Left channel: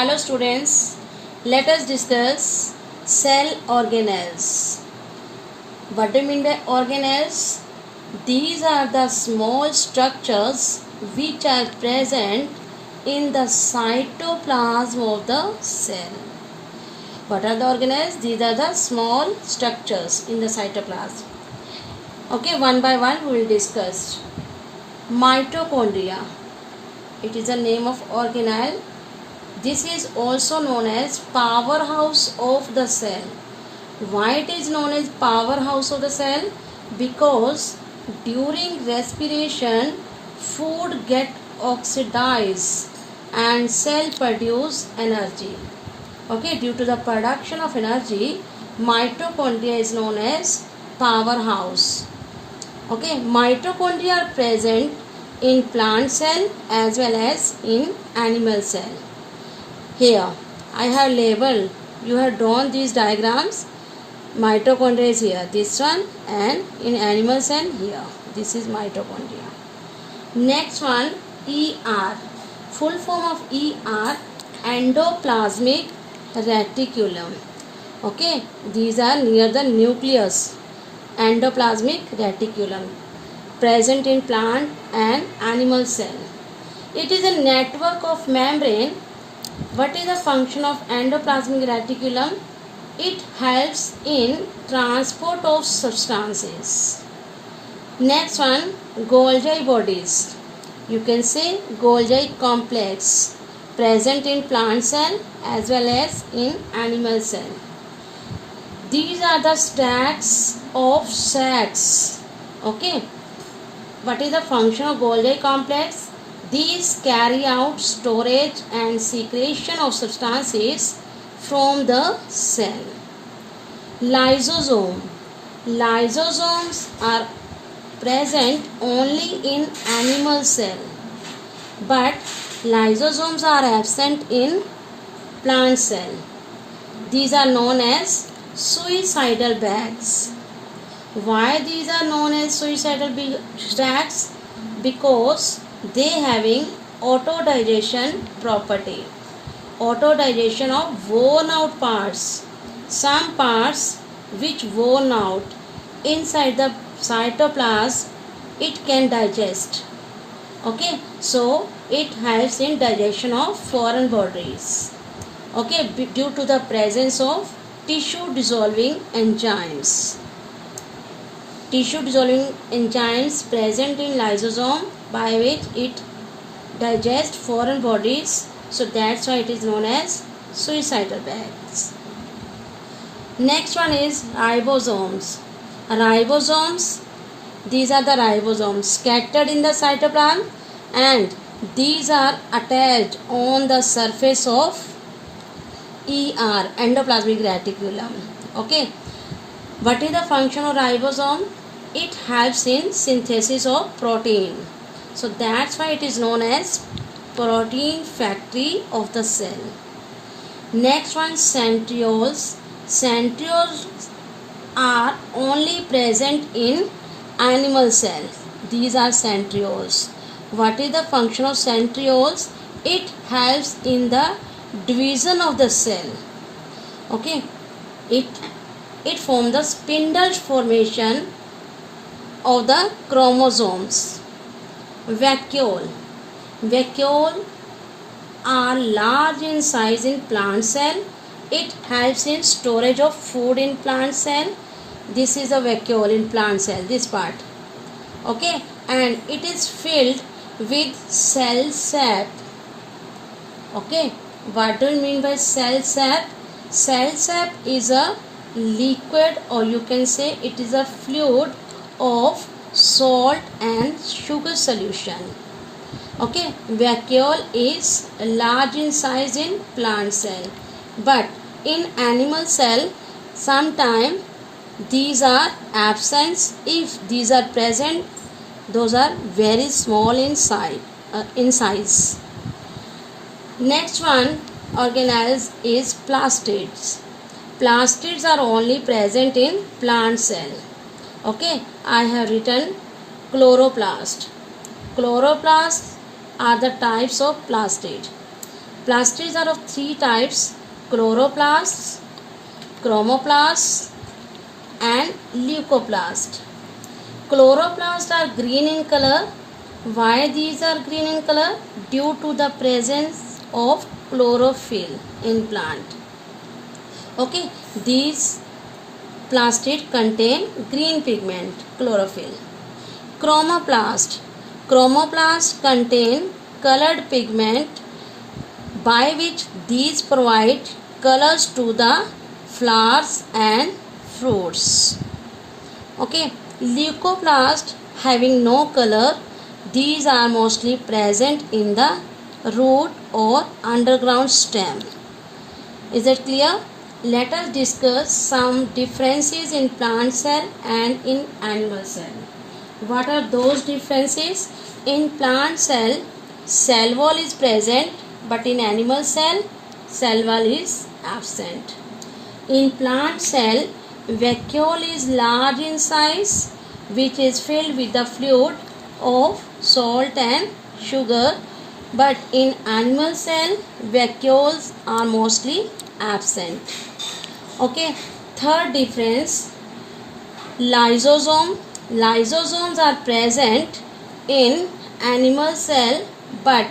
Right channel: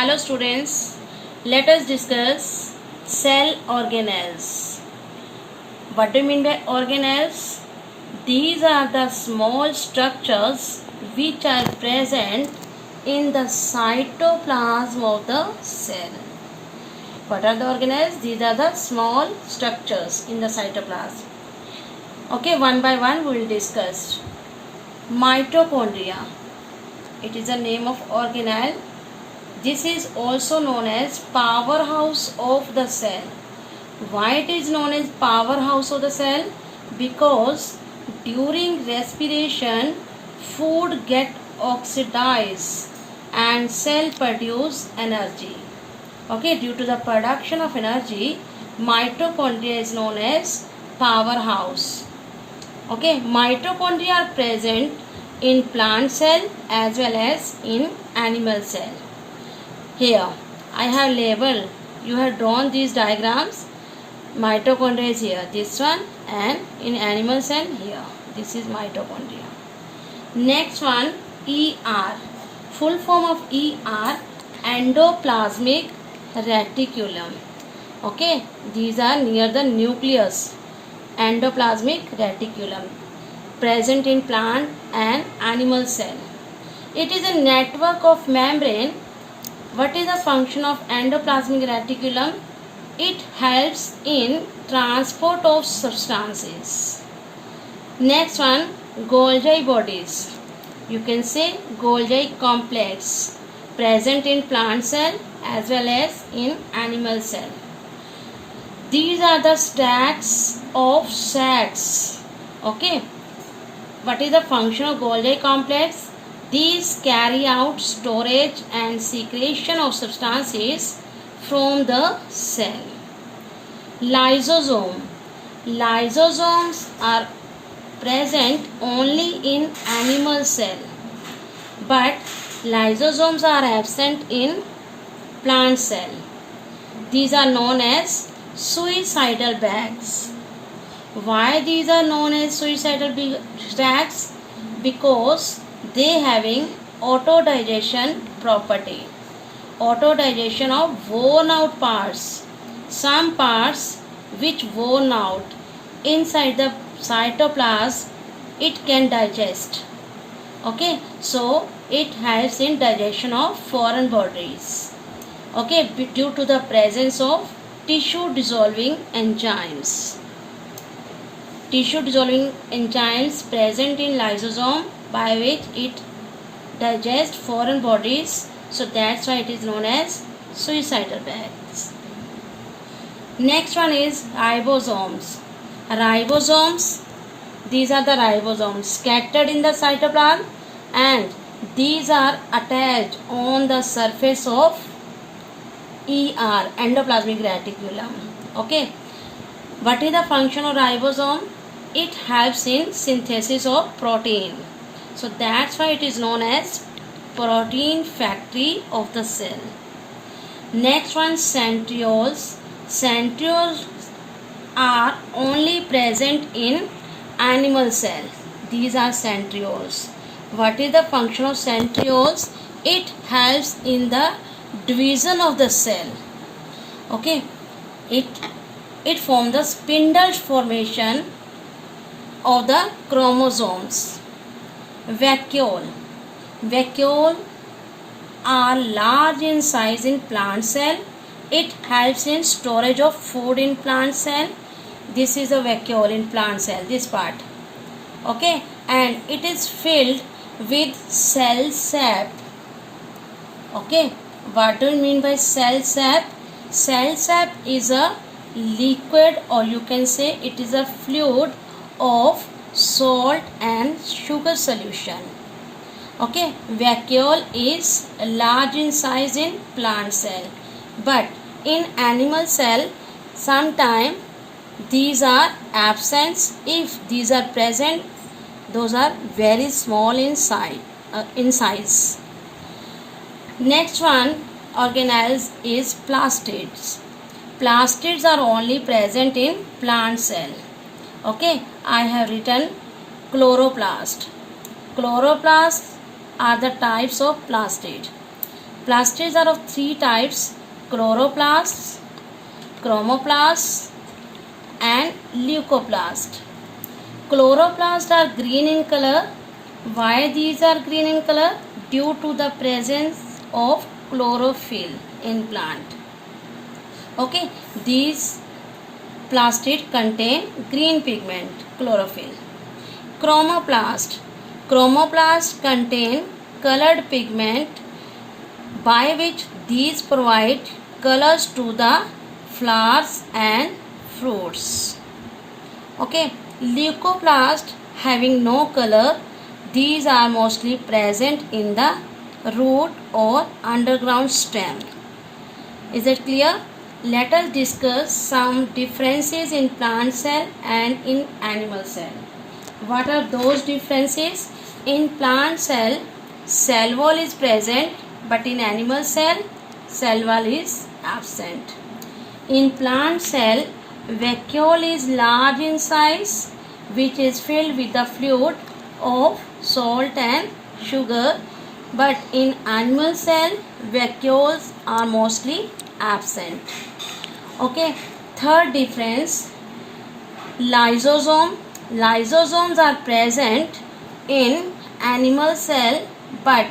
Hello students, let us discuss cell organelles. What do you mean by organelles? These are the small structures which are present in the cytoplasm of the cell. What are the organelles? These are the small structures in the cytoplasm. Okay, one by one we will discuss. Mitochondria. It is a name of organelle. This is also known as powerhouse of the cell. Why it is known as powerhouse of the cell? Because during respiration food get oxidized and cell produce energy. Okay, due to the production of energy, mitochondria is known as powerhouse. Okay, mitochondria are present in plant cell as well as in animal cell. Here I have labeled, you have drawn these diagrams. Mitochondria is here, this one, and in animal cell here, this is mitochondria. Next one, ER. Full form of ER, endoplasmic reticulum. Okay, these are near the nucleus. Endoplasmic reticulum, present in plant and animal cell. It is a network of membrane. What is the function of endoplasmic reticulum? It helps in transport of substances. Next one, Golgi bodies. You can say Golgi complex, present in plant cell as well as in animal cell. These are the stacks of sacs. Okay. What is the function of Golgi complex? These carry out storage and secretion of substances from the cell. Lysosome. Lysosomes are present only in animal cell, but lysosomes are absent in plant cell. These are known as suicidal bags. Why these are known as suicidal bags? Because they having autodigestion property. Autodigestion of worn out parts. Some parts which worn out inside the cytoplasm, it can digest. Okay, so it helps in digestion of foreign bodies. Okay, due to the presence of tissue dissolving enzymes. Tissue dissolving enzymes present in lysosome, by which it digests foreign bodies, so that's why it is known as suicidal bags. Next one is ribosomes. Ribosomes, these are the ribosomes scattered in the cytoplasm, and these are attached on the surface of ER, endoplasmic reticulum. Okay, what is the function of ribosome? It helps in synthesis of protein. So that's why it is known as protein factory of the cell. Next one, centrioles. Centrioles are only present in animal cell. These are centrioles. What is the function of centrioles? It helps in the division of the cell. Okay, it forms the spindle formation of the chromosomes. Vacuole. Vacuole are large in size in plant cell. It helps in storage of food in plant cell. This is a vacuole in plant cell, this part. Okay, and it is filled with cell sap. Okay, what do you mean by cell sap? Cell sap is a liquid, or you can say it is a fluid of salt and sugar solution. Okay, vacuole is large in size in plant cell, but in animal cell sometimes these are absent. If these are present, those are very small in size. Next one, organelles, is plastids. Plastids are only present in plant cell. Okay, I have written chloroplast. Chloroplasts are the types of plastid. Plastids are of three types: chloroplasts, chromoplasts, and leucoplasts. Chloroplasts are green in color. Why these are green in color? Due to the presence of chlorophyll in plant. Okay, these plastids contain green pigment, chlorophyll. Chromoplasts contain colored pigment by which these provide colors to the flowers and fruits. Okay, leucoplasts having no color, these are mostly present in the root or underground stem. Is it clear? Let us discuss some differences in plant cell and in animal cell. What are those differences? In plant cell, cell wall is present, but in animal cell, cell wall is absent. In plant cell, vacuole is large in size, which is filled with the fluid of salt and sugar, but in animal cell, vacuoles are mostly absent. Okay, third difference, lysosome. Lysosomes are present in animal cell, but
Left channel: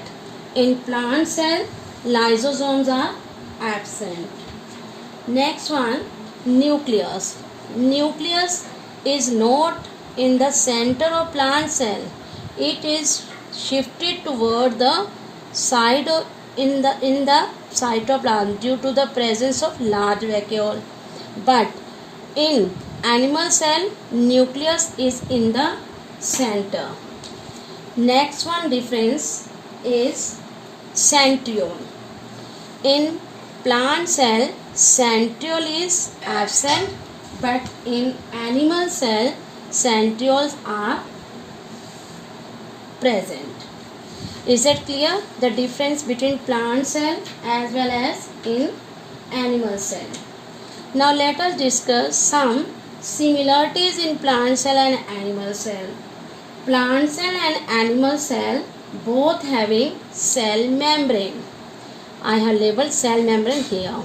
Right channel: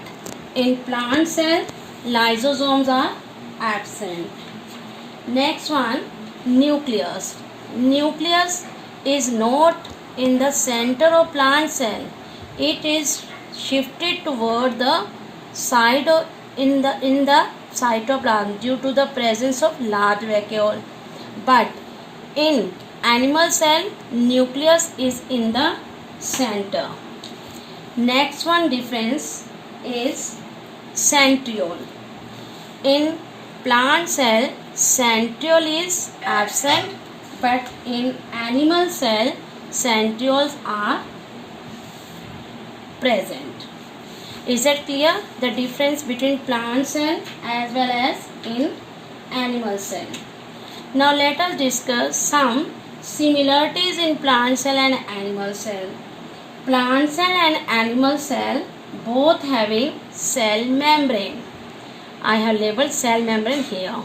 in plant cell, lysosomes are absent. Next one, nucleus. Nucleus is not in the center of plant cell. It is shifted toward the side of in the cytoplasm due to the presence of large vacuole. But in animal cell, nucleus is in the center. Next one difference is centriole. In plant cell, centriole is absent, but in animal cell, centrioles are present. Is it clear? The difference between plant cell as well as in animal cell. Now let us discuss some similarities in plant cell and animal cell. Plant cell and animal cell both having cell membrane. I have labeled cell membrane here.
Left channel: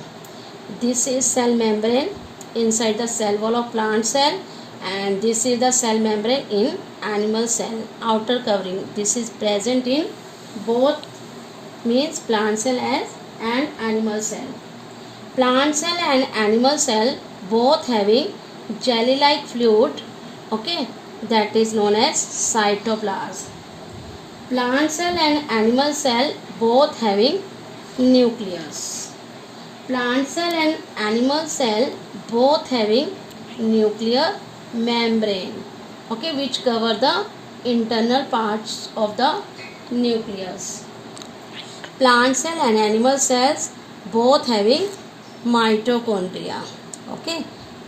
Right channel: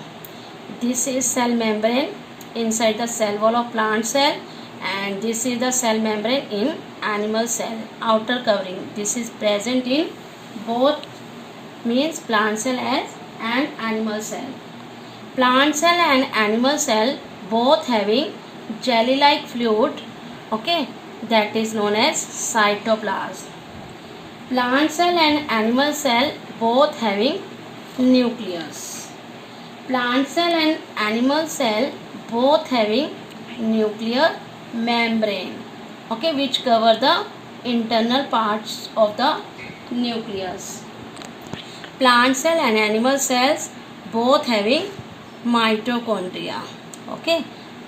This is cell membrane inside the cell wall of plant cell, and this is the cell membrane in animal cell, outer covering. This is present in both, means plant cell and animal cell. Plant cell and animal cell both having jelly like fluid, okay, that is known as cytoplasm. Plant cell and animal cell both having nucleus. Plant cell and animal cell both having nuclear membrane, okay, which cover the internal parts of the nucleus. Plant cell and animal cells both having mitochondria, okay,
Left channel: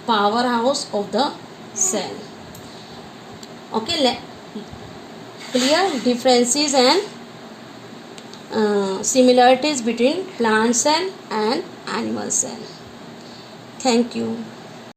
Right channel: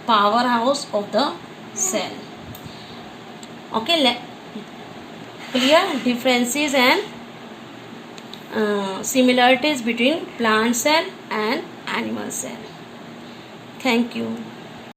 powerhouse of the cell. Okay, clear differences and similarities between plant cell and animal cell. Thank you.